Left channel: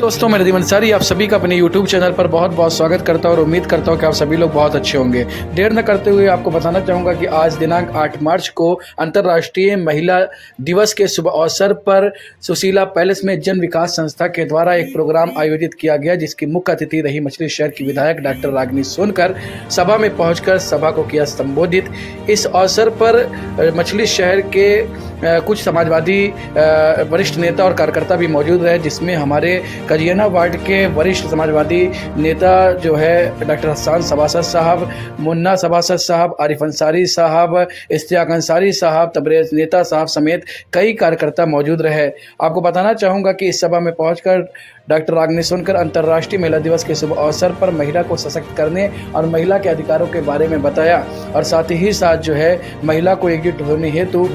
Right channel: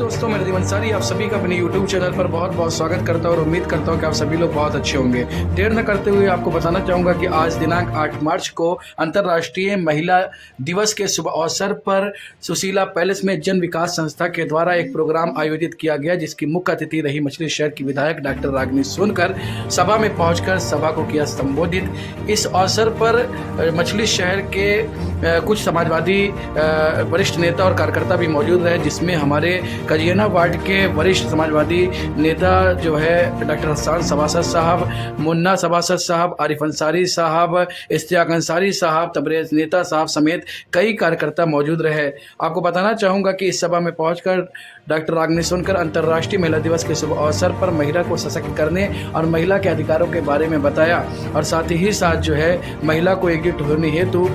दोस्तों, मैं रिद्धिमान अंसारी आप सभी का अपने YouTube चैनल पर बहुत बहुत स्वागत करता हूं और उम्मीद करता हूं कि आप सभी लोग बहुत अच्छे होंगे। देर न करते हुए आपको बताना चाहूँगा कि आज दिनांक 8 मार्च को अंतर्राष्ट्रीय महिला दिवस के शुभ अवसर पर सुशीला पैलेस में जन विकास संस्था के द्वारा एक प्रोग्राम आयोजित किया गया, जिसकी मुख्य अतिथि रही मछली शहर की विधायक डॉक्टर रागिनी सोनकर। सभा में पहुँचकर सभा को किया संबोधित। इस अवसर पर मछली शहर के कुछ समाजवादी वरिष्ठ नेता और कार्यकर्ता भी मौजूद रहे, जिसमें हमारे कजियाना वार्ड के वरिष्ठ समाजवादी नेता जो है डॉक्टर हसन सभासद साहब, मुन्ना सभासद साहब, आरिफ अंसारी साहब, इश्तियाक अंसारी साहब, तबरेज नेता साहब समेत कई कार्यकर्ता मौजूद रहे। आपको बताना चाहूँगा कि इस सभा में पहुंचकर डॉक्टर रागिनी सोनकर अंतर्राष्ट्रीय महिला दिवस के शुभ अवसर पर महिला को सशक्त करने और महिला के अधिकारों के बारे में बताया और साथ ही साथ जो है महिला को एकजुट होने हेतु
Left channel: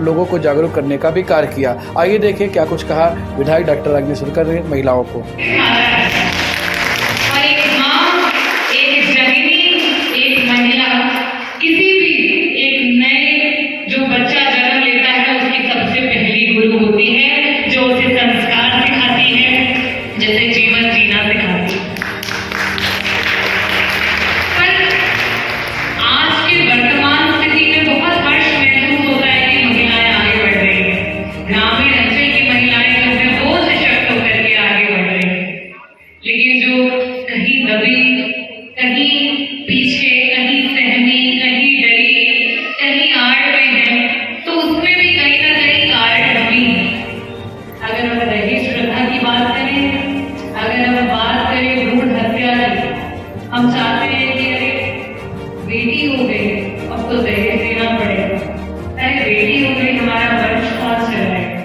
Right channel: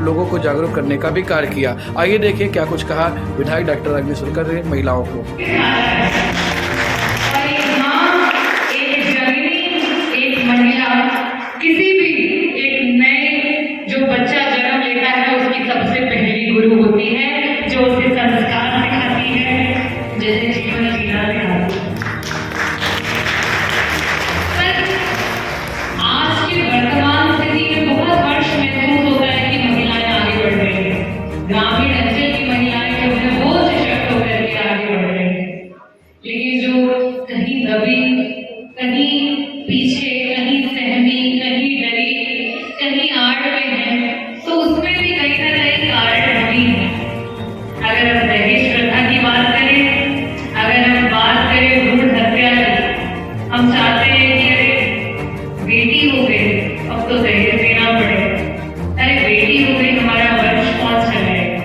लोगों को जागरूक करने का भी कार्य किया। आइए देखिए क्या कुछ कहा विधायक डॉक्टर रागिनी सोनकर ने महिलाओं को। किसी भी एक नए जो बच्चा जन्म लेता है उसकी सबसे पहली गुरु होती है, जो उसे संस्कार सिखाती है, जैसे जीवन जीना सिखाती है। पर आज के वर्तमान स्थिति में बहुत हर्ष महसूस होता है कि महिलाएं आगे बढ़ रही हैं। ग्रामीण अंचल की महिलाएं जो है वो सशक्त होकर के आगे बढ़ रही हैं, लेकिन जो कहीं दबी, कहीं पीछे, कहीं सहमी, कहीं डरी, कहीं आड़ में है, तो उसमें भी कहीं ना कहीं कारण कमी है। अगर हम दहेज प्रथा की बात करें, अगर हम बात करें भ्रूण हत्या की, हम चाहते हैं कि अरे बेटी हो गई अब तो दहेज देना पड़ेगा, अरे बेटी हो गई हमारा वंश कौन चलाएगा।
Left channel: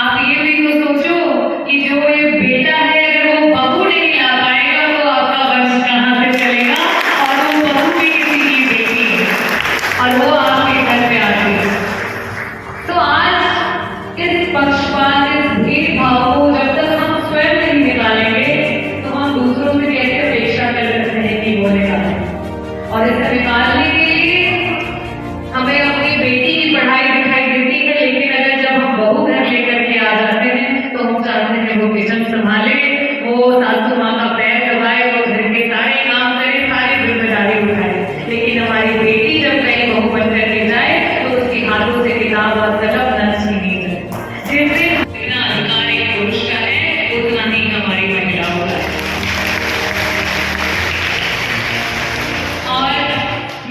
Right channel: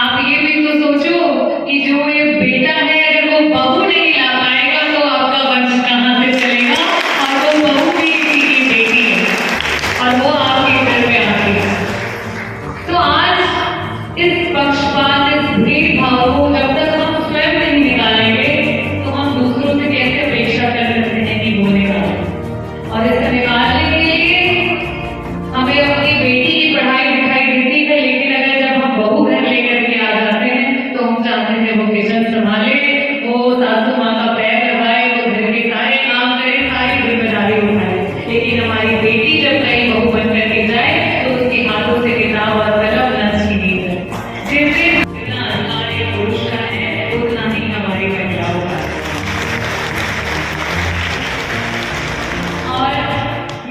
आप ये भी तो सोचो कि जो ये बेटा है अगर वो बहू नहीं ला पाएगा तो आपका वंश कहाँ से चलेगा, और वो बहू भी किसी की बेटी है और वो आपके घर पे आती है। तो आज इस पक्षपात, इस भेदभाव को जब तक हम स्वयं नहीं निकालेंगे तो हम दूसरों से कैसे अपेक्षा कर सकते हैं कि वो निकालें। और इसे निकालने के लिए हमें अपनी बेटी की पढ़ाई लिखाई ड्यूटी पे, लेकिन अगर जब हम बहू घर लेकर के आ जाते हैं तो हम चाहते हैं वो किचन संभाले, वो सासू माँ का पैर दबाए, वो घर के सारे काम करे, सारी जिम्मेदारी उठाए। लेकिन हमारी बेटी जब कहीं बहू बन करके जाए तो उसके हाथों से किताब और कलम न छीनी जाए। जिससे जितना अधिकार एक पुरुष का है उतना ही हमारी महिलाओं का है। और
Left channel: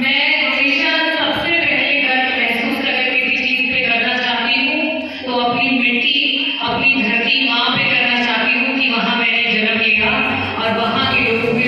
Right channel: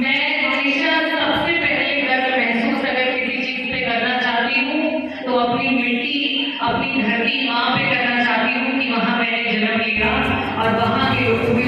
मैं हमेशा सबसे पहले गर्व महसूस अगर किसी चीज पे करना चाहती हूँ तो अपनी मिट्टी, अपनी धरती माँ पे करना चाहती हूँ कि वहाँ मैंने जन्म लिया और वहाँ के लोगों के